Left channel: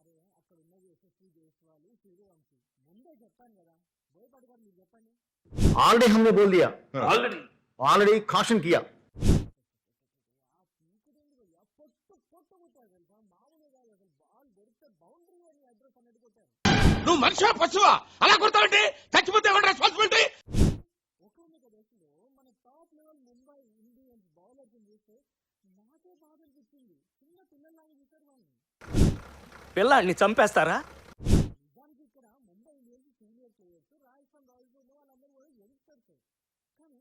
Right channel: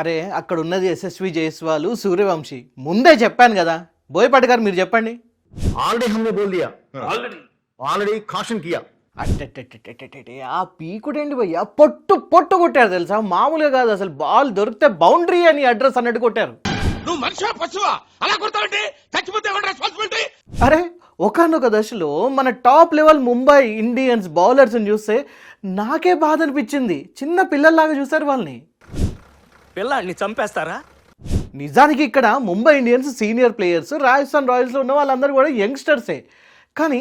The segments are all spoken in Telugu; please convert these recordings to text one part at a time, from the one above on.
అరే అక్కడ ఉన్నది ఎస్ఎస్వి జైస్వాల్ సూర్యవంశీ ముందే చెప్పాను కదా. బోయపాటి గారు మీరు చెప్పండి. ऑलरेडी हमने बोल दिया, ఆల్రెడీ ऑलरेडी caution किया। అట్టెట్టెట్టెట్టెట్టె ఆ పీకుడేంటి భయ్యా, పొట్టు పొట్టు కొట్టారు తెలుసా, మామూలుగా కాదు అసలు. బాల్ దొరికితే బౌండరీ అని అడ్రస్ అన్నట్టు కొట్టారు. నువ్వు మనిషివా పశువా అలా కొడతావంటే చచ్చిపోతే ఎవరి రెస్పాన్సిబిలిటీ? అరే ఒకనొక దశలో మన టాప్ లెవెల్ ముంబై ఇండియన్స్ బౌలర్స్ని చూస్తే నాకే బాధ అనిపించింది. చిన్న పిల్లల్లాగా చూశారు వాళ్ళని. పిల్లాడిని చంపేస్తారా? నిజానికి ఇక్కడ Mumbai Indians senior players, Rajasthan రాయల్స్లో ఉన్న వాళ్ళందరూ కూడా యంగ్స్టర్సే. కానీ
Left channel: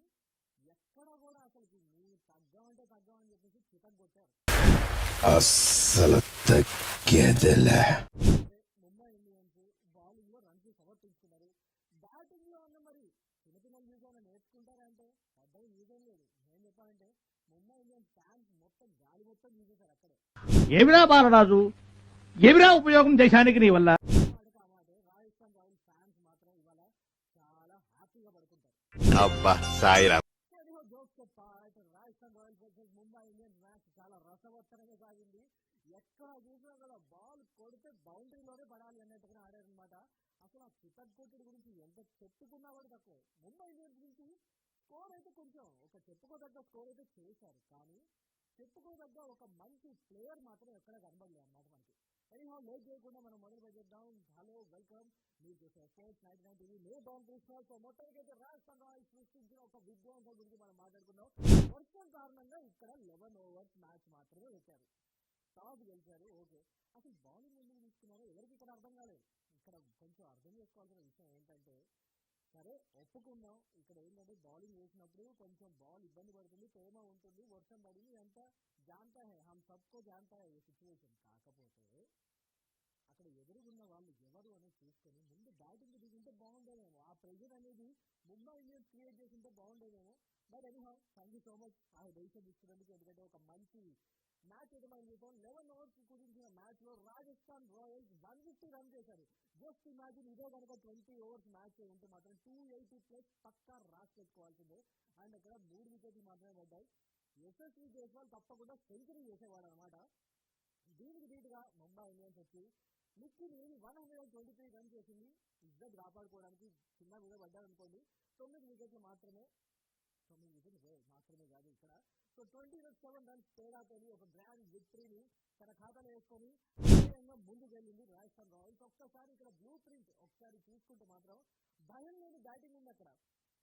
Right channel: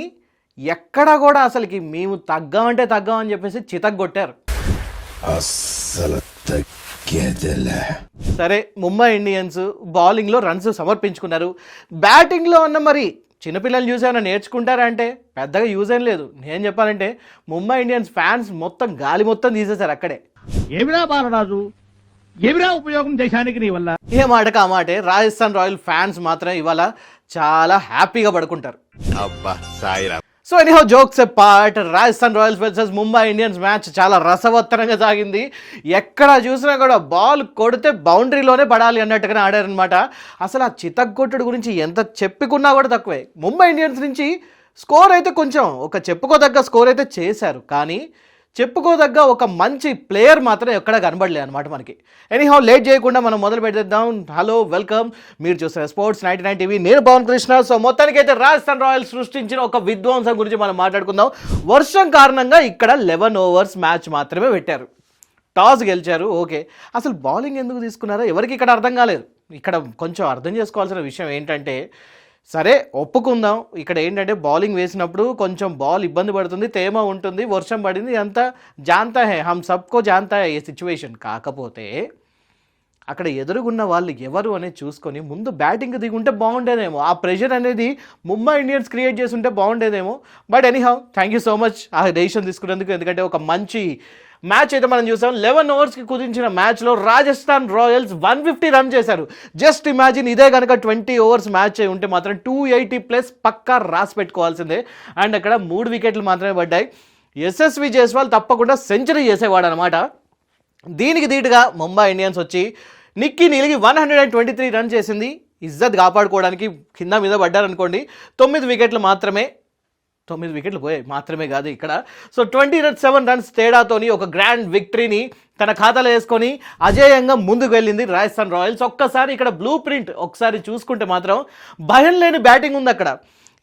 ఎక్కడా కూడా అసలుకి మేము తగ్గామంటే తగ్గామని చెప్పేసి చితగ్గొట్టారు. అస్సలు తగ్గేదేలే. సరే ముంబై ఇండియన్స్ బౌలింగ్లో రన్స్ సమర్పించుకున్నారు. బ్యాటింగ్లో అన్న మరి చిన్నపిల్లలు చూసి ఏమైనా నేర్చుకుంటారా అంటే పెద్దగా యూజ్ ఏం లేదు. నేను చెప్పాలంటే ముంబై ఇండియన్స్ ఫ్యాన్స్ మొత్తం గాలి మొత్తం తీసేశారు అక్కడే. ఏమిరా బాలరాజు, ఏమిరా ఉపయోగం దేశానికి నీ వల్ల? ఏ మాటకు ఆ మాటే రాజస్థాన్ రాయల్ ఫ్యాన్స్ మాత్రం ఇవాళ చాలా హ్యాపీగా పడుకుంటారు. అబ్బా సాయిరా. So anyhow jokes apart, Rajasthan Royals versus Mumbai Indians match చాలా రసవత్తరంగా సాగింది. ఎక్కడ చూసినా కూడా బాల్ కొడితే బౌండరీలోనే పడాలి అన్నట్టుగానే ఆడారనమాట. అసలు ఆ చితగ్గొట్టుడు గురించి ఎంత చెప్పుకున్నా కూడా తక్కువే. ముంబై ఇండియన్స్ నుంచి స్కోర్ అయితే కొంచెం ఒక చెప్పుకోదగ్గ స్కోర్ అయితే చేశారు, కానీ చెప్పుకోదగ్గ ఒక మంచి ప్లేయర్ మాత్రం ఎక్కడ కనబడలే అనమాట మనకి. ఎనీహౌ లేట్ చేయకుండా మనం మొదలు పెట్టేద్దాం. హలో వెల్కమ్, మీరు చూస్తున్న స్పోర్ట్స్ 99 టీవీ, నేను పవన్ కృష్ణ. సో మొత్తానికైతే రాజస్థాన్ రాయల్స్ సృష్టించిన ఒక విధ్వంసం గురించి మనం మాట్లాడుకుందాం. వర్షం కారణంగా ఇక్కడ 11 ఓవర్స్ మ్యాచ్ మాత్రమే పెట్టారు. టాస్ గెలిచారు, ఓకే. అసలు బౌలింగ్ ఎందుకు తీసుకున్నారో ఎవరికి ఇక్కడ అర్థం కాలేదు. ఇక్కడ కొంచెం అర్థం చేసుకోవాల్సిన విషయం ఏంటంటే, సరే ఒప్పుకుందాం, ఇక్కడ ఏంటంటే బౌలింగ్ వేసినప్పుడు కొంచెం బాల్ ఇబ్బంది పడుతుంది, తేమ ఉంటుంది, వర్షం పడింది, అంతా జాంతా హే, హమ్ సబ్కో జాంతా హే ఈ సిచ్యువేషన్. కాకపోతే అక్కడ ఎదురుగున్న వాళ్ళు ఎవరు అనేది చూసుకొని ముందు బ్యాటింగ్ దిగుంటే బాగుండేదేమో. ఆ ప్రెషర్ అనేది ముంబై ఇండియన్స్ క్రియేట్ చేసి ఉంటే బాగుండేదేమో. But anyhow thank you so much ఆ డెసిషన్ తీసుకున్నందుకు. ఎందుకంటే ఒక మంచి మ్యాచ్ అయితే మనం చూసాం. 11 ఓవర్స్కి కుదించిన మ్యాచ్లో రాజస్థాన్ రాయల్స్ 150 రన్ చేశారు. జస్ట్ ఇమాజిన్, ఇదే కనుక 20 ఓవర్స్ మ్యాచ్ అయి ఉంటే మాత్రం 280+ పక్కా రాసి పెట్టుకోవాల్సిందే. అండ్ అక్కడ 3 వికెట్లు మాత్రమే పడ్డాయి. ఎస్ఎస్వి జైస్వాల్ తప్పకుండా సెంచరీ చేసేవాడు అనమాట. దీనికి ధీటుగా ముంబై ఇండియన్స్ వచ్చి నిక్కీ నీలిగి 123 రన్ చేసింది. ఇజ్జత్ కాపాడుకోవడానికి కింద మీద పడ్డారనుకోండి. 9 వికెట్లు మాత్రమే, 9 వికెట్లు పోయాయి మాత్రమే కాదు ఇక్కడ. సో 27 రన్స్ తేడాతోని ఒక గ్రాండ్ విక్టరీని తన ఖాతాలో వేసుకొని అజేయంగా ముందుకు వెళ్ళింది రాజస్థాన్ రాయల్స్. ఒక్కసారి ఇక్కడ బ్లూ ప్రింట్ ఒకసారి చూసుకుంటే మాత్రం భయం లేని బ్యాటింగ్ ఉంది అక్కడ.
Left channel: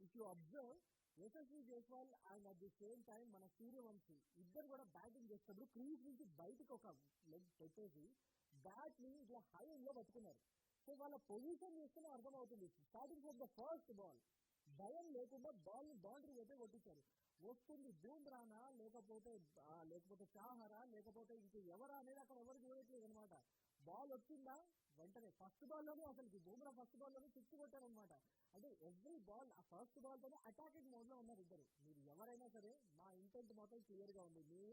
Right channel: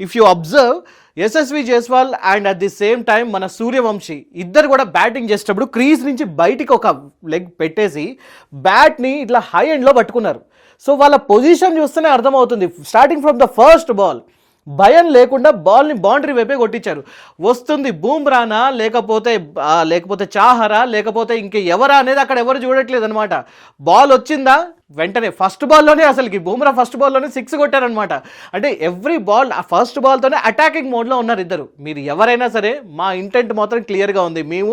If you observe, SSV Jaiswal and at the same time మన సూర్యవంశీ ఇద్దరు కూడా బ్యాటింగ్ చేసేటప్పుడు క్రీజ్ నుంచి బయటికి ఒక లెగ్ పెట్టేసి బ్యాట్ని ఇట్లా హై ఎండ్లో పట్టుకున్నారు. సో వాళ్ళ పొజిషన్ చూస్తేనే అర్థమవుతుంది. Starting from the first ball భయం లేకుండా బాల్ని బౌండరీ వైపే కొట్టించారు. వస్తుంది బూమ్రానా లేకపోతే చాహరా లేకపోతే ఇంక ఎవరా అనేది అక్కడ ఎవరు చూడట్లేదు అనమాట. బాల్ వచ్చిందా వెంటనే ఫస్ట్ బాల్లోనే అసలుకి బూమ్రా ఫస్ట్ బాల్లోనే 6 కొట్టారనమాట. అంటే ఎవ్రీ బాల్ ఆ ఫస్ట్ బాల్తోనే అటాకింగ్ మోడ్లో ఉన్నారు ఇద్దరు. మీరు ఎవరైనా సరే మా ఇంటెంట్ మాత్రం క్లియర్గా ఉంది, మేము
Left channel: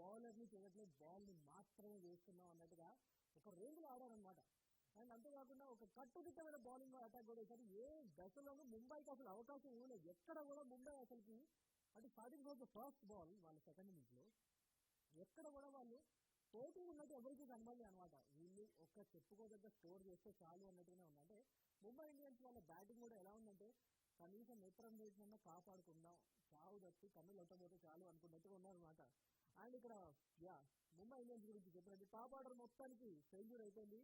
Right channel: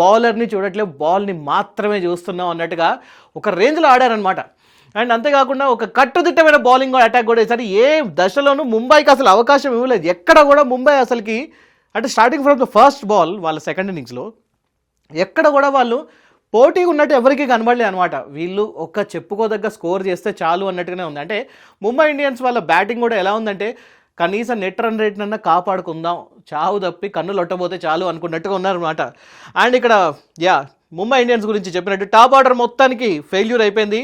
బౌలర్ని చూడట్లేదు, బాల్ని మాత్రమే చూస్తున్నాం అన్నట్టుగా ఒక రేంజ్లో ఆడారనమాట. అండ్ అంతేకాకుండా ఒక కట్టుదిట్టమైన బౌలింగ్ అటాక్ కూడా వేసారు. ఏ దశలోనూ ముంబైకి అసలు అవకాశం ఇవ్వలేదు. ఎక్కడ కూడా ముంబై అసలుకి, అంటే starting from the first ball వాళ్ళ సెకండ్ ఇన్నింగ్స్లో ఎక్కడ కూడా వాళ్ళు పోటీగా ఉన్నట్టు ఎవరికి కనబడలేదు అనమాట. వీళ్ళు ఒక చెప్పుకోదగ్గ స్కోర్ చేస్తే చాలు అన్నట్టుగానే ఉంది. అంటే ముంబై ఇండియన్స్ వాళ్ళ బ్యాటింగ్ కూడా ఎలా ఉందంటే, కనీసం నెట్ రన్ రేట్ నన్నా కాపాడుకుందాం, చావు తప్పి కన్నులు ఒట్టబోతే చాలు అనుకున్నట్టుగా ఉన్నారనమాట. అండ్ ఇక్కడ ముంబై ఇండియన్స్ గురించి చెప్పినట్టు టాప్ ఆర్డర్ మొత్తానికి ఫెయిల్యూర్ అయిపోయింది.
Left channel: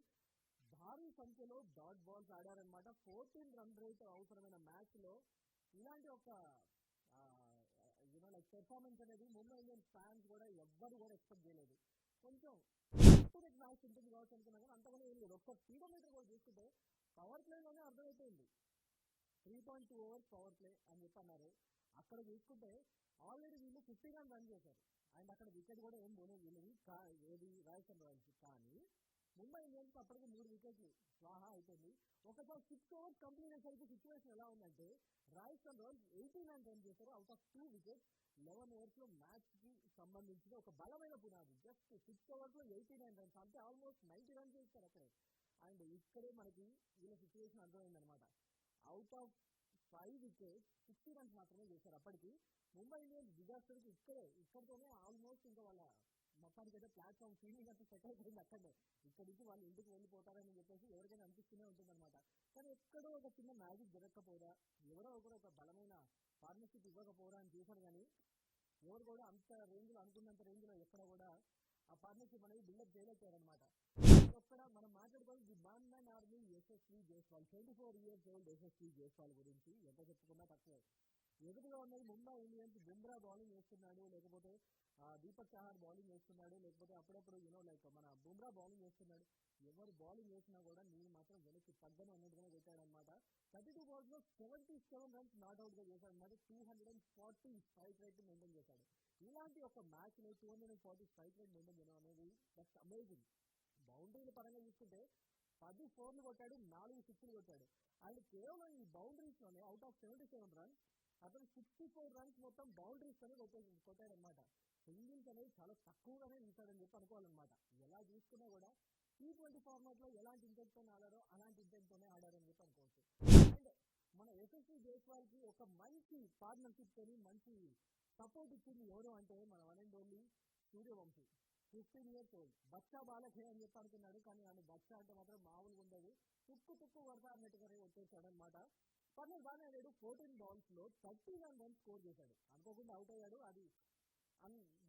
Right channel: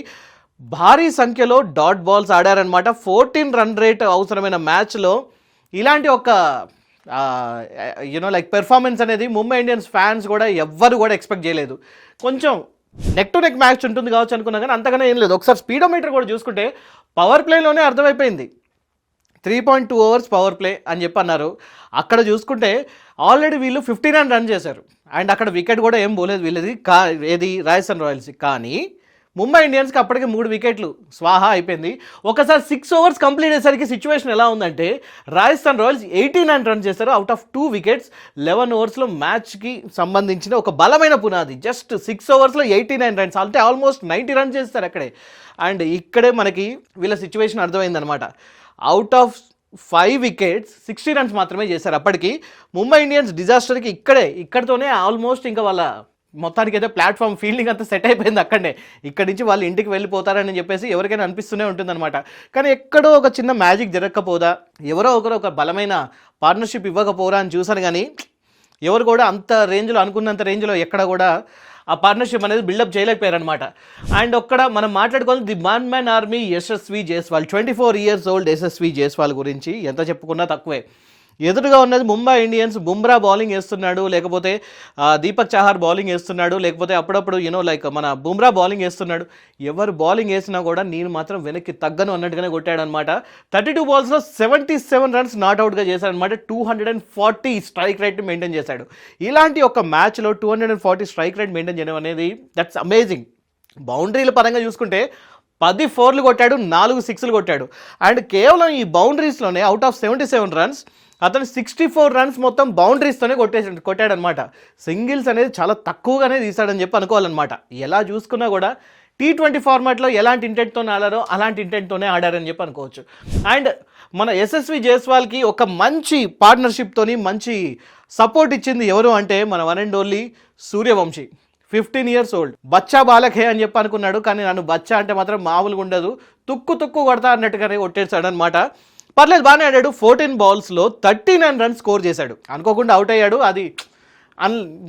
భారీ సంఖ్యలో డాట్ బాల్స్ ఆడారనమాట. 14 రన్ రేట్ అవసరమైన మ్యాచ్లో ఇలాంటి ఒక లైక్ పెర్ఫార్మెన్స్ అనేది ముంబై ఇండియన్స్ ఫ్యాన్స్ కూడా ఎవ్వరు కూడా ఎక్స్పెక్ట్ చేయలేదు. కొంచెం నెక్ టు నెక్ మ్యాచ్ ఉంటుంది కావచ్చు అనుకున్నా, కానీ అంతగానే ఏం లేదు. ఒకసారి స్పీడోమీటర్ కూడా చూసుకుంటే పవర్ ప్లేలోనే అర్థమైపోయింది. 3.2 ఓవర్స్ పవర్ ప్లే అని చెప్పి అన్నారు. అక్కడ చూసుకుంటే ఆల్రెడీ వీళ్ళు 59 రన్ చేశారు. అండ్ అక్కడ వికెట్ కూడా ఏం పోలేదు వీళ్ళది, ఏది రాజస్థాన్ రాయల్స్. కానీ ముంబై ఇండియన్స్కి అప్పటికే 3 వికెట్లు స్వాహా అయిపోయింది. ఒకసారి 6 ఓవర్స్ కంప్లీట్ అయ్యేసరికి సిచ్యువేషన్ ఎలా ఉందంటే, రాజస్థాన్ రాయల్స్ 89 రన్ చేస్తారు అవుట్ ఆఫ్ 2 వికెట్స్. 11 ఓవర్స్లో మ్యాచ్కి సంబంధించిన ఒక బలమైన పునాది. జస్ట్ 6 ఓవర్స్లో 89 రన్స్, అంటే ఆల్మోస్ట్ 90 రన్స్ చేస్తారు అక్కడే. అండ్ ఇక్కడే మనకి వీళ్ళ సిచ్యువేషన్ అర్థమైందనమాట. అవుట్ ఆఫ్ 5 వికెట్స్ 60 రన్స్ మాత్రమే చేశారు. అప్పటికి ముంబై ఇండియన్స్ డిజాస్టర్కి ఇక్కడితోనే ఆల్మోస్ట్ ఇంకా వాళ్ళ మొత్తానికి అయితే ప్లాట్ఫామ్ ఫీల్డింగ్ అంతా సెట్ అయిపోయింది అక్కడనే. ఇక్కడి నుంచి వాళ్ళు ఇంటికి వెళ్ళిపోతారని చెప్పేసి ఎవరికైనా అనిపిస్తూనే ఉంటుందన్నమాట. కానీ ఎక్కడో ఒక చిన్న మ్యాజిక్ జరగకపోదా, ఎవరో ఒకరు ఒక బలమైన పార్ట్నర్షిప్ ఇవ్వకపోరా అని చూసాను. కానీ ఎవరు కూడా అంత రేంజ్లో అనుకున్నంత రేంజ్లో ఎక్కడ కూడా ఆ పార్ట్నర్షిప్ అనేది బిల్డప్ చేయలేకపోయారనమాట. అండ్ ఒక్కడ మనం మాట్లాడుకోవాలి the one man army Yashasvi Jaiswal, 24 years old Yashasvi Jaiswal గురించి ఎంత చెప్పుకున్నా తక్కువే. ఎదురుగా ఉన్నది ముంబై ఇండియన్స్. బుమ్రా బౌలింగ్ వేస్తున్నాడు, లేకపోతే దీపక్ చాహర్ బౌలింగ్ వేస్తున్నాడు, లేకపోతే అప్పుడప్పుడు లైక్ మన బుమ్రా బౌలింగ్ వేస్తున్నాడు. ఎవరు బౌలింగ్ వేసినా కూడా నేను మాత్రం వెనక్కి తగ్గను అన్నట్టుగానే కొట్టాడనమాట. 32 balls 77 runs నాట్అవుట్గా చేశాడనమాట. 240 స్ట్రైక్ రేట్ని మెయింటైన్ చేశాడు. ఇలాంటి ఒక మ్యాచ్లో 240 స్ట్రైక్ రేట్ మెయింటైన్ చేయడం అనేది దట్స్ అమేజింగ్. బౌండరీల పరంగా చూసుకుంటే 10 4లు కొట్టాడు, 4 6లు కొట్టాడు. అండ్ కేవలం ఈ బౌండరీస్లోనే అవుట్ ఆఫ్ 77 runs అతను 64 runs మొత్తం బౌండరీస్తోనే కొట్టాడనమాట. సింగిల్స్ అనేది చాలా తక్కువగానే తీసాడని చెప్పి అనుకోవాలన్నమాట. ఎలా చూసుకున్నా కూడా T20 ఫార్మాట్లో ఎలాంటి ఇంటెంట్తో ఆడారో అలాంటి ఇంటెంట్తోనే ఆడారని చెప్పి అనుకోవచ్చు. అండ్ మన యశస్వి జైస్వాల్కి ఒక మంచి పార్ట్నర్షిప్తోని మంచి సపోర్ట్ ఇచ్చింది ఎవరు అంటే మన one and only Suryavanshi. 15 years old. బచ్చా బాలకే అని చెప్పి అనుకున్నాడు, కానీ నన్ను బచ్చా అంటే మాత్రం మామూలుగా ఉండదు, తుక్కు కొడతా అన్నట్టుగానే కొట్టేశాడు అనమాట. పర్లేదు, బాగానే ఆడాడు. 14 balls 39 runs స్కోర్ చేశాడు. అనుకోకుండా అవుట్ అయ్యాడు. అది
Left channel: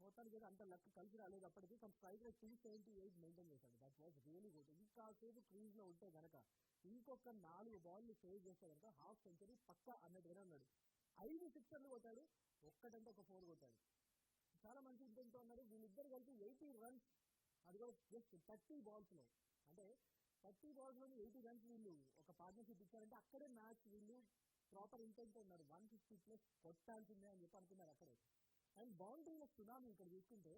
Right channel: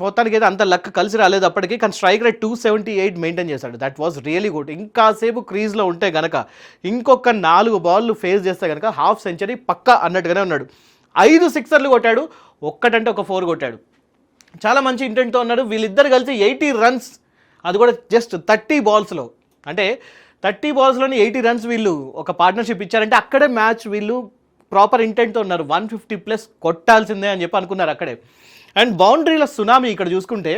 మొత్తానికి అయితే అంత లక్ కలిసి రాలేదు అప్పటికి. కానీ స్ట్రైక్ రేట్ 278 మెయింటైన్ చేశాడు. That was really good. ఇంకాసేపు క్రీజ్లో ఉంటే గనక, ఇంకొక 4 balls ఫేస్ చేస్తే కనుక హాఫ్ సెంచరీ పక్కా అన్నట్టుగానే ఉన్నాడు. 5 sixers కొట్టాడు, ఒక్కటంటే ఒక 4 కొట్టాడు. చాలా మంచి ఇంటెంట్తో ఉన్నాడు. వీళ్ళిద్దరు కలిసి 80 runs, అది కూడా జస్ట్ 30 balls. అంటే 30 balls 80 runs వీళ్ళు ఒక పార్ట్నర్షిప్ ఇచ్చారంటే అక్కడే మ్యాచ్ వీళ్ళు ప్రాపర్ ఇంటెంట్తో ఉన్నారు. 150+ కొట్టాల్సిందే అని చెప్పి అనుకున్నారు అక్కడే. అండ్ బౌండరీల సునామీ ఇక్కడ చూసుకుంటే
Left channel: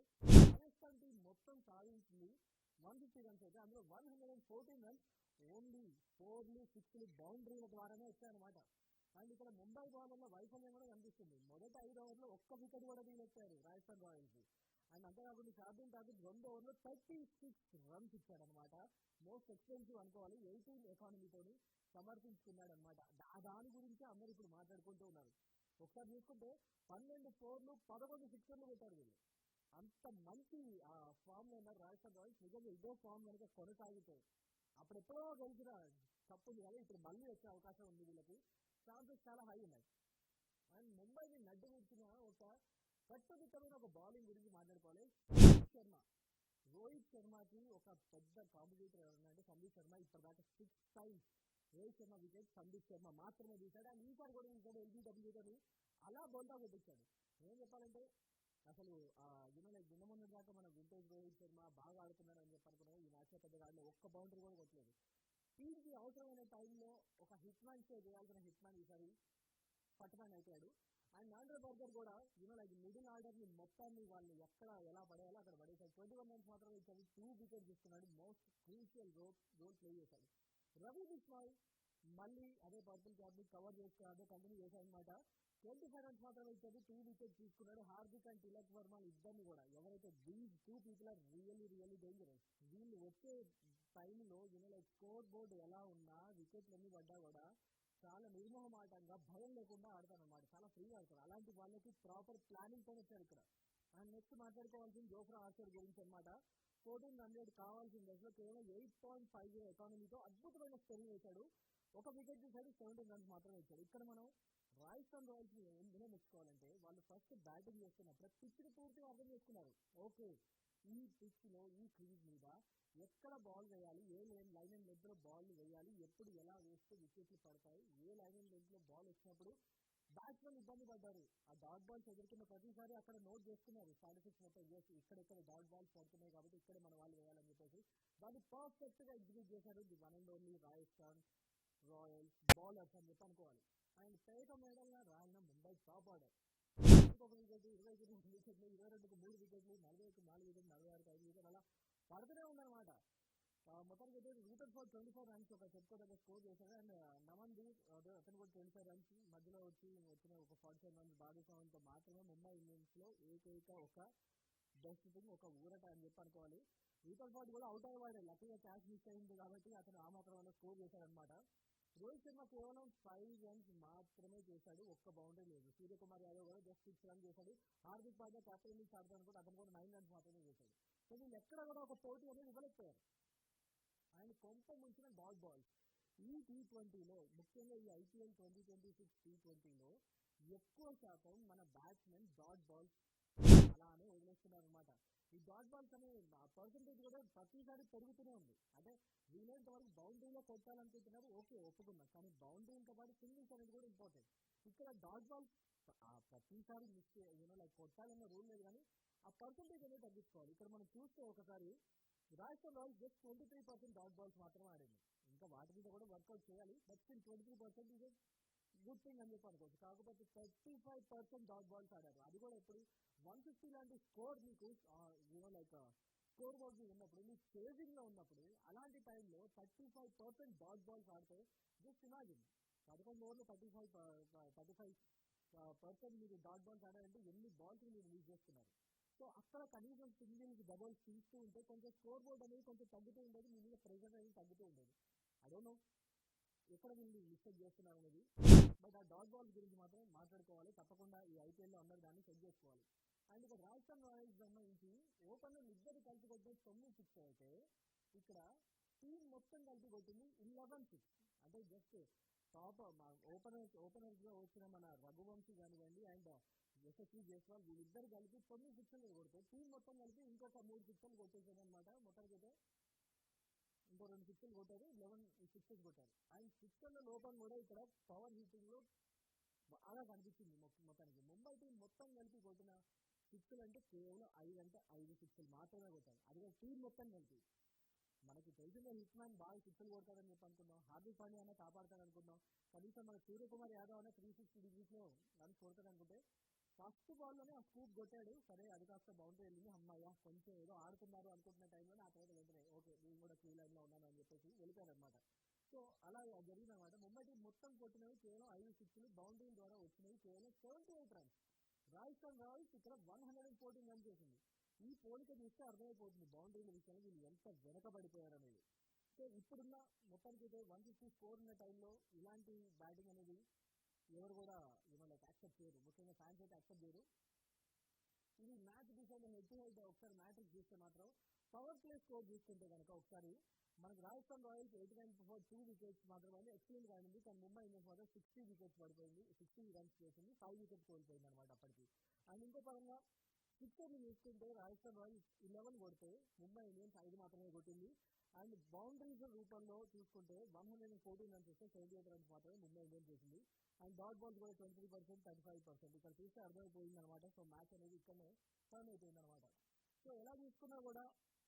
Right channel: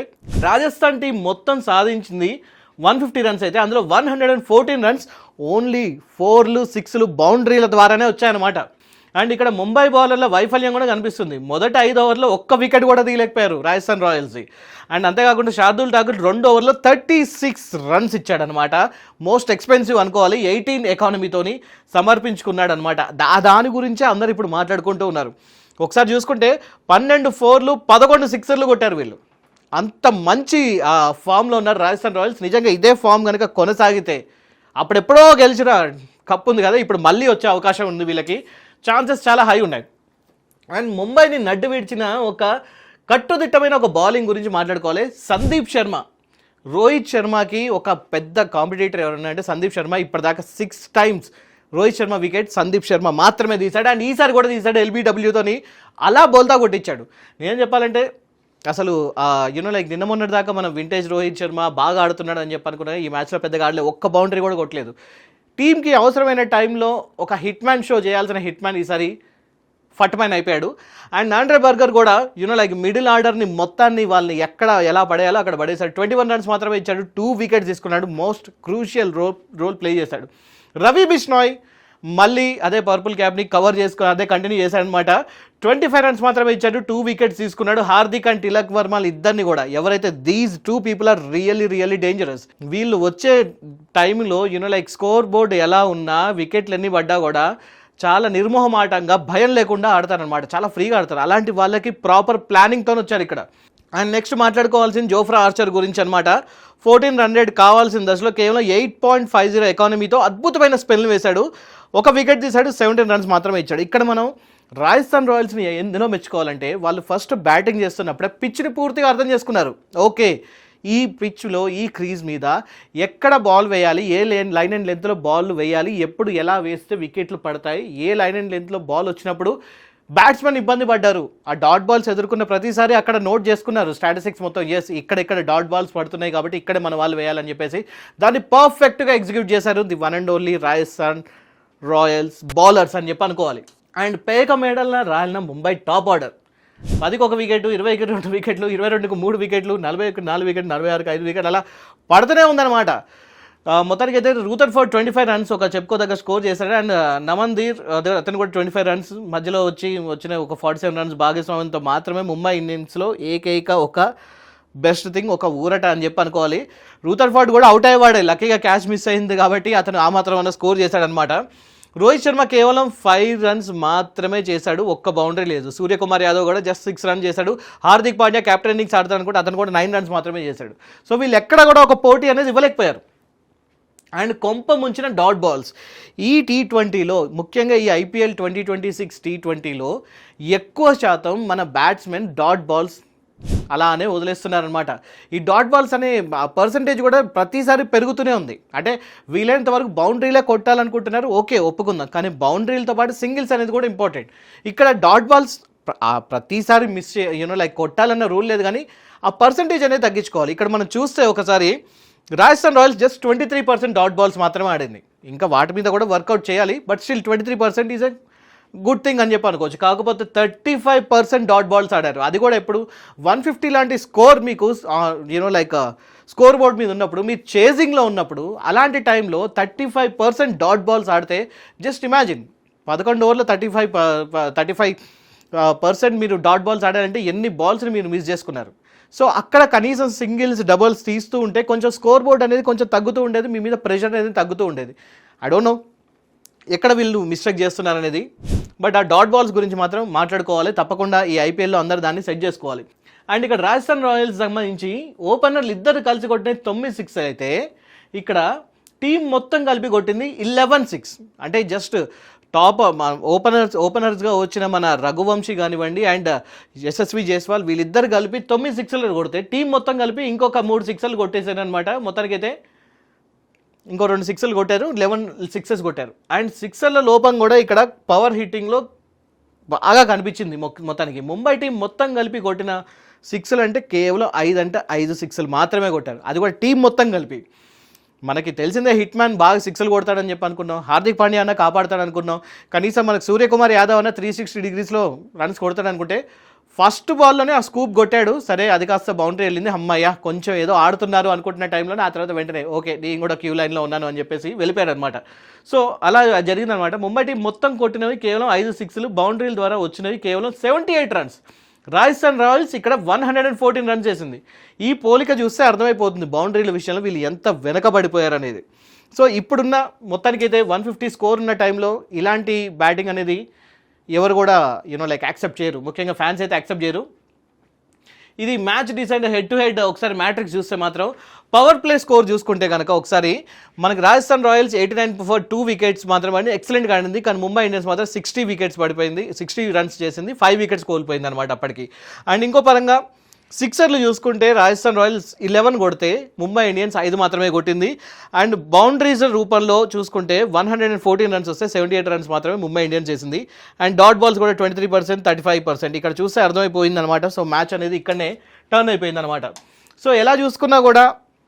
రాజస్థాన్ టీం మొత్తం సాధించింది 150 runs అయితే అందులో 114 runs ఓన్లీ 4లు 6లు బౌండరీల ద్వారానే వచ్చాయన్నమాట. అండ్ ఇక్కడ ముంబై బౌలర్ల వైఫల్యం కూడా కనిపిస్తుంది. మొదటి 5 ఓవర్లో ఒక్క వికెట్ కూడా తీయలేకపోయారు రాజస్థాన్ రాయల్స్. అండ్ అంతేకాకుండా శార్దుల్ ఠాకూర్ 2 ఓవర్లో 36 runs ఇచ్చాడనమాట. మోస్ట్ ఎక్స్పెన్సివ్ అనుకోవాలి. 18 ఎకానమీతోని సమర్పించుకున్నాడు అనమాట. దాని గురించే అందరు ఇప్పుడు మాట్లాడుకుంటూ ఉన్నారు. ఒకసారి చూసుకుంటే 12 4లు 11 6లు కొట్టారు వీళ్ళు. అంత మంచి ఫామ్లో ఉన్నారు రాజస్థాన్ రాయల్స్. నిజంగా ఇదే ఫామ్ కనుక కొనసాగితే అప్పుడెప్పుడో గెలిచిన కప్ ఉంది కదా, ఇప్పుడు మళ్ళీ వచ్చే అవకాశం ఉంది వీళ్ళకి. ఛాన్సెస్ చాలా హై ఉన్నాయి. అండ్ ముంబైని నడ్డు విడిచిన ఒక కట్టుదిట్టమైన ఒక బౌలింగ్ గురించి మాట్లాడుకోవాలి. సందీప్ శర్మ, రోహిత్ శర్మకి ఒక పెద్ద కాంపిటీటర్ ఎవరన్నా అంటే సందీప్ శర్మ. ఇప్పటిదాకా 6 times రోహిత్ శర్మ వికెట్ సందీప్ శర్మ మాత్రమే తీశాడు. అండ్ ఈసారి కూడా తీశాడు LBWతోని. అలా బోల్తా కొట్టించాడు. నేను చెప్పాలంటే అసలు లైక్ నిన్న మొన్నటి దాకా మనం వింటేజ్ రోహిత్ శర్మ బాగా ఆడుతున్నాడు అని చెప్పి అనుకున్నాను. ఈ మ్యాచ్లో పెద్దగా ఆడలేదు, ఒక్క బౌండరీ కూడా కొట్టలేదు. టీంకి అవసరమైన టైంలో ఒక హిట్ మ్యాన్ షో చేయాల్సిన హిట్ మ్యాన్ ఈసారి ఫట్ మ్యాన్ అయిపోయాడు. అండ్ ఆండ్రే బర్గర్ కూడా లైక్ మిడిల్ ఆర్డర్ని మొత్తాన్ని వాళ్ళని ఎక్కడ ఎలా పడేయాలో అక్కడ పడేశాడు. 21 runs మాత్రమే ఇచ్చాడు, 2 wickets తీసుకున్నాడు. మోస్ట్ క్రూషియల్ రోల్ ప్లే చేశాడు. రవి బిష్నాయ్ మళ్ళీ అదే పర్పుల్ క్యాప్ని కవర్ చేసుకుని అదే కంటిన్యూ చేశాడనమాట. 25 runs మాత్రమే ఇచ్చాడు, 2 wickets తీసుకున్నాడు. హార్దిక్ అండ్ తిలక్ వర్మ ఇద్దరిని కూడా, ఎవరైతే these 2 people are really dangerous. వీళ్ళు వచ్చే టైంలో లైక్ స్కోర్ బోర్డ్ ఎలా ఉన్నా, వికెట్లు ఎన్ని పడ్డా కూడా చాలా నిర్మోహమాటంగా భయం లేకుండా ఆడతారనమాట. చాలా ఫ్రీగా ఆడతారు. అలాంటి వాళ్ళకి ప్రాపర్ ప్లానింగ్తో వచ్చారు ఇక్కడ. అండ్ నెక్స్ట్ మాట్లాడుకోవాల్సిన జోఫ్రా ఆర్చర్ గురించి అనమాట. 14 run rate కావాల్సిన దశలో కేవలం 8.50 ఎకానమీతో అద్భుతమైన స్పెల్ని వేశాడు. ఒక వికెట్ తీశాడు, 17 runs మాత్రమే ఇచ్చాడు. ఇక్కడ మనం రాజస్థాన్ రాయల్స్ని ఎందులో మెచ్చుకోవాలంటే వాళ్ళు ఫస్ట్ బ్యాటింగ్ చేస్తున్నప్పుడే పిచ్ని పూర్తిగా అర్థం చేసుకున్నారు. ఓకే, ఈ పిచ్లో ఈ క్రీజ్ మీద ఎక్కడ బాల్ వేయాలి, ఏ లైన్ అండ్ లెంత్లో బాల్ వేయాలి, ఎప్పుడు ఎలా వేస్తే వికెట్లు పడతాయి, ఏ లైన్ అండ్ లెంత్లో బాల్ వచ్చినప్పుడు బ్యాట్స్మెన్ ఇబ్బంది పడ్డారు, ఆ డాట్ బాల్స్ ఎదుర్కొన్న ప్రతిసారి అక్కడ నోట్ చేసుకున్నారు స్టాటిస్టిక్స్ మొత్తం. ఎస్, ఇక్కడ డాట్ బాల్స్ పడుతున్నాయి కాబట్టి ఇక్కడే మన వాళ్ళు వేయాలని చెప్పేసి దాన్ని పర్ఫెక్ట్గా ఎగ్జిక్యూట్ చేశారు the one and only Rajasthan Royals bowlers అని చెప్పి అనుకోవాలి. అండ్ పేక మేడల్న రాలిన ముంబై టాప్ ఆర్డర్. 10కి 1 వికెట్, 20కి 2 వికెట్లు, 22కి 3 వికెట్లు, 40కి 4 వికెట్లు, 46కి 5 వికెట్లు అలా పడుతూనే ఉందన్నమాట. మొత్తానికి అయితే రూథర్ఫోర్డ్ 25 runs ఒక చెప్పుకోదగ్గ స్కోర్ చేశాడు. అండ్ నమన్దీర్ అతను కూడా 25 runs మధ్యలో వచ్చిన ఒక 47 runs భాగస్వామ్యంతో మాత్రమే ముంబై ఇండియన్స్లో ఏకైక ఒక బెస్ట్ థింగ్, ఒక ఊరట అని చెప్పి అనుకోవాలి. రూథర్ఫోర్డ్ కూడా అవుట్ అయ్యేవాడే, లక్కీగా క్యాచ్ మిస్ అయింది కాబట్టి అతను ఆ మాత్రం స్కోర్ చేశాడనమాట. రోహిత్ శర్మ కేవలం 5 రన్స్ మాత్రమే చేశాడు, ఒక్క బౌండరీ లేదు. సూర్యకుమార్ యాదవ్ కూడా జస్ట్ 6 రన్ చేశాడు. హార్దిక్ పాండ్యా కెప్టెన్ ఇన్నింగ్స్ ఆడతాడు అనుకుంటే అతను కూడా 9 రన్స్ మాత్రమే చేశాడు. సో వీళ్ళు ఎక్కడ కూడా ఒక పోటీ అనేది ఇవ్వలేకపోయారు. అండ్ కొంప ముంచిన డాట్ బాల్స్ ఈ T20లో, ముఖ్యంగా ఈ IPL 2026 T20లో ఎక్కువ శాతం మన బ్యాట్స్మెన్ డాట్ బాల్స్ అలానే వదిలేస్తున్నారనమాట. ఈ డాట్ బాల్స్ అనే పర్సంటేజ్ కూడా ప్రతిసారి పెరుగుతూనే ఉంది. అంటే వీలైనంత వరకు బౌండరీలే కొట్టాలనుకుంటున్నారు, ఓకే ఒప్పుకుందాం, కానీ బౌండరీలతో పాటు సింగిల్స్ అనేది కూడా ఇంపార్టెంట్. ఇక్కడ డాట్ బాల్స్ ప్రతిసారి మిస్ లైక్ కొట్టాలన్న రూల్ లేదు, కానీ ఆ పర్సంటేజ్ అనేది తగ్గించుకోవాలి. ఇక్కడ మనం చూస్తే ఒకసారి Rajasthan Royals just 23% dot balls మాత్రమే ఆడింది. ఇంకా వాటి మీద కూడా వర్కౌట్ చేయాలి, but still 23% is a good thing అని చెప్పి అనుకోవచ్చు. కాకపోతే 35% డాట్ బాల్స్ ఆడారు. అది కూడా ఇప్పుడు 150 లాంటి స్కోర్ మీకు లైక్ స్కోర్ బోర్డ్ మీద ఉన్నప్పుడు, మీరు చేజింగ్లో ఉన్నప్పుడు, అలాంటి టైంలో 35% డాట్ బాల్స్ ఆడితే జస్ట్ ఇమాజిన్ 11 ఓవర్లో 35% మీరు డాట్ బాల్స్ ఆడారంటే ఎన్ని బాల్స్ని మీరు మిస్ చేసుకున్నారు. సో అక్కడ కనీసం సింగిల్స్ డబుల్స్ తీస్తూ ఉంటే కొంచెం స్కోర్ బోర్డ్ అనేది కొంచెం తగ్గుతూ ఉండేది, మీ మీద ప్రెషర్ అనేది తగ్గుతూ ఉండేది. ఐ డోంట్ నో ఎక్కడ వీళ్ళు మిస్టేక్ చేస్తున్నారు అనేది, బట్ ఆ డాట్ బాల్స్ గురించి మాత్రం మాట్లాడుకోవాలి తప్పకుండా. ఈ IPLలో అందరూ దాన్ని సెట్ చేసుకోవాలి. అండ్ ఇక్కడ రాజస్థాన్ రాయల్స్ సంబంధించి ఓపెనర్లు ఇద్దరు కలిసి కొట్టిన 9 సిక్స్ అయితే ఇక్కడ టీం మొత్తం కలిపి కొట్టింది 11 6. అంటే జస్ట్ టాప్ ఓపెనర్స్గా వచ్చిన మన రఘువంశీ కానివ్వండి అండ్ యశస్వి జైస్వాల్ వీళ్ళిద్దరు కలిపి 9 సిక్స్లు కొడితే టీం మొత్తం కలిపి ఇంకొక 3 సిక్స్లు కొట్టేశారు అనమాట. మొత్తానికైతే ఇంకో 2 సిక్స్లు కొట్టారు, 11 సిక్సెస్ కొట్టారు. అండ్ సిక్సర్ల లోపం కూడా ఇక్కడ పవర్ హిట్టింగ్లో బాగా కనిపించింది. మొత్తానికి ముంబై టీం మొత్తం కలిపి కొట్టిన సిక్స్లు అంటే కేవలం 5 సిక్స్లు మాత్రమే కొట్టారు, అది కూడా టీం మొత్తం కలిపి. మనకి తెలిసిందే హిట్ మ్యాన్ బాగా సిక్స్లు కొడతాడని చెప్పి అనుకున్నాం, హార్దిక్ పాండ్యా అన్న కాపాడతాడు అనుకున్నాం, కనీసం మనకు సూర్యకుమార్ యాదవ్ అన్న 360 డిగ్రీస్లో రన్స్ కొడతాడు అనుకుంటే ఫస్ట్ బాల్లోనే ఆ స్కూప్ కొట్టాడు. సరే అది కాస్త బౌండరీ వెళ్ళింది, అమ్మయ్య కొంచెం ఏదో ఆడుతున్నారు అనుకుంటున్న టైంలోనే ఆ తర్వాత వెంటనే ఓకే నేను కూడా క్యూ లైన్లో ఉన్నాను అని చెప్పేసి వెళ్ళిపోయాడు అనమాట. సో అలా జరిగిందనమాట. ముంబై టీం మొత్తం కొట్టినవి కేవలం 5 సిక్స్లు, బౌండరీల ద్వారా వచ్చినవి కేవలం 78 రన్స్. రాజస్థాన్ రాయల్స్ ఇక్కడ 114 రన్స్ చేసింది. ఈ పోలిక చూస్తే అర్థమైపోతుంది బౌండరీల విషయంలో వీళ్ళు ఎంత వెనకబడిపోయారు అనేది. సో ఇప్పుడున్న మొత్తానికైతే 150 స్కోర్ ఉన్న టైంలో ఇలాంటి బ్యాటింగ్ అనేది ఎవరు కూడా లైక్ యాక్సెప్ట్ చేయరు, ముఖ్యంగా ఫ్యాన్స్ అయితే యాక్సెప్ట్ చేయరు. ఇది match decide head to head ఒకసారి మ్యాట్రిక్స్ చూస్తే మాత్రం పవర్ ప్లే స్కోర్ చూసుకుంటే కనుక ఒకసారి మనకి రాజస్థాన్ రాయల్స్ 89 ఫర్ 2 వికెట్స్ మాత్రమే ఎక్సలెంట్గా ఆడింది, కానీ ముంబై ఇండియన్స్ మాత్రం 60 వికెట్స్ పడిపోయింది, 60 రన్స్ చేసింది, 5 వికెట్స్ కోల్పోయింది అనమాట అప్పటికి. అండ్ ఇంకో పరంగా సిక్సర్లు చూసుకుంటే రాజస్థాన్ రాయల్స్ 11 కొడితే ముంబై ఇండియన్స్ 5 మాత్రమే కొట్టింది. అండ్ బౌండరీస్ రూపంలో చూసుకుంటే 114 రన్స్ వస్తే 78 రన్స్ మాత్రమే ముంబై ఇండియన్స్ చేసింది. అండ్ డాట్ బాల్స్ కూడా 23%, 35%. ఇక్కడ చూస్తే అర్థమైపోయింది అనమాట. సో మ్యాచ్ అనేది ఇక్కడనే టర్న్ అయిపోయింది అనమాట. సో ఎలా చూసుకున్నా కూడా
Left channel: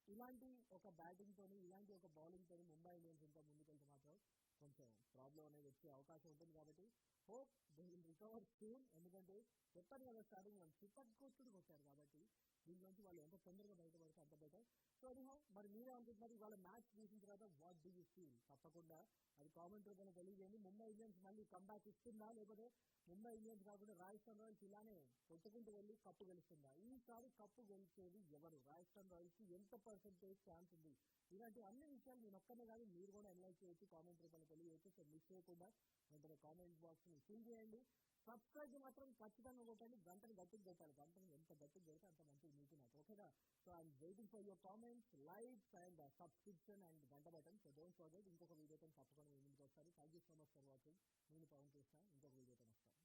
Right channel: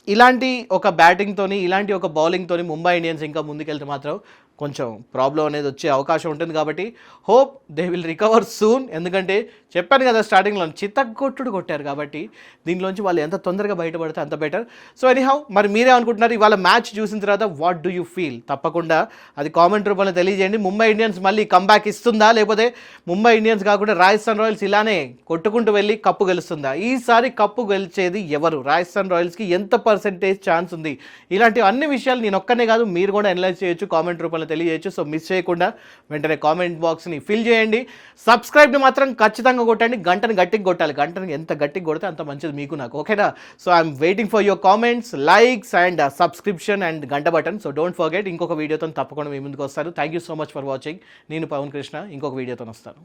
ఇలాంటి ఒక బ్యాటింగ్తోని, ఇలాంటి ఒక బౌలింగ్తోని ముంబై ఇండియన్స్ ఇంకా ముందుకెళ్తే మాత్రం కొంచెం ప్రాబ్లం అనేది వచ్చే అవకాశం ఉంటుంది. కాబట్టి hope they will recover soon. ఎందుకంటే చెప్పాను కదా స్టార్టింగ్లో చిత్తగొట్టుడు కొట్టారు, కాబట్టి దీనిలోంచి వాళ్ళు ఎంత తొందరగా బయటపడితే అంత బెటర్. సో ఎనీహౌ మరి మీరే అనుకుంటున్నారు ఇవాళ మ్యాచ్ చూసిన తర్వాత వాట్ డూ యూ ఫీల్? తప్పకుండా అది కామెంట్ రూపంలో తెలియజేయండి. ముంబై ఇండియన్స్ మళ్ళీ కంబ్యాక్ ఇస్తుందా, లేకపోతే ముంబై ఇండియన్స్ కాకుండా రాజస్థాన్ రాయల్స్ ఇలానే కొట్టుకుంటూ వెళ్ళి కప్పు గెలుస్తుందా? ఈసారి కప్పు గెలిచేది ఎవరు? రాజస్థాన్ రాయల్స్కి ఎంత పర్సెంటేజ్ ఛాన్స్ ఉంది? ఇలాంటి అన్ని విషయాలు నేను ఒక్కనే కాదు మీరు కూడా అనలైజ్ చేయొచ్చు, కామెంట్ రూపంలో తెలియజేయచ్చు. సో మిస్ చేయకుండా వెంటనే కామెంట్ బాక్స్ని ఫిల్ చేయండి. సబ్స్క్రైబ్ని మాత్రం ఖచ్చితంగా కొట్టండి, గంటను గట్టిగా కొట్టాలి. గంటను ఎంత గట్టిగా కొడితే అంత మంచిది మీకు నాకు, ఓకేనా? So I'm waiting for your comments, likes and subscription and గంట బటన్. సో డోంట్ ఫర్గెట్ ఇంకొక వీడియోతో తప్పకుండా మీ ముందుకు వస్తాను. Thank you so much for watching. నేను పవన్ కృష్ణ ఇంకొక వీడియోతో వస్తాను.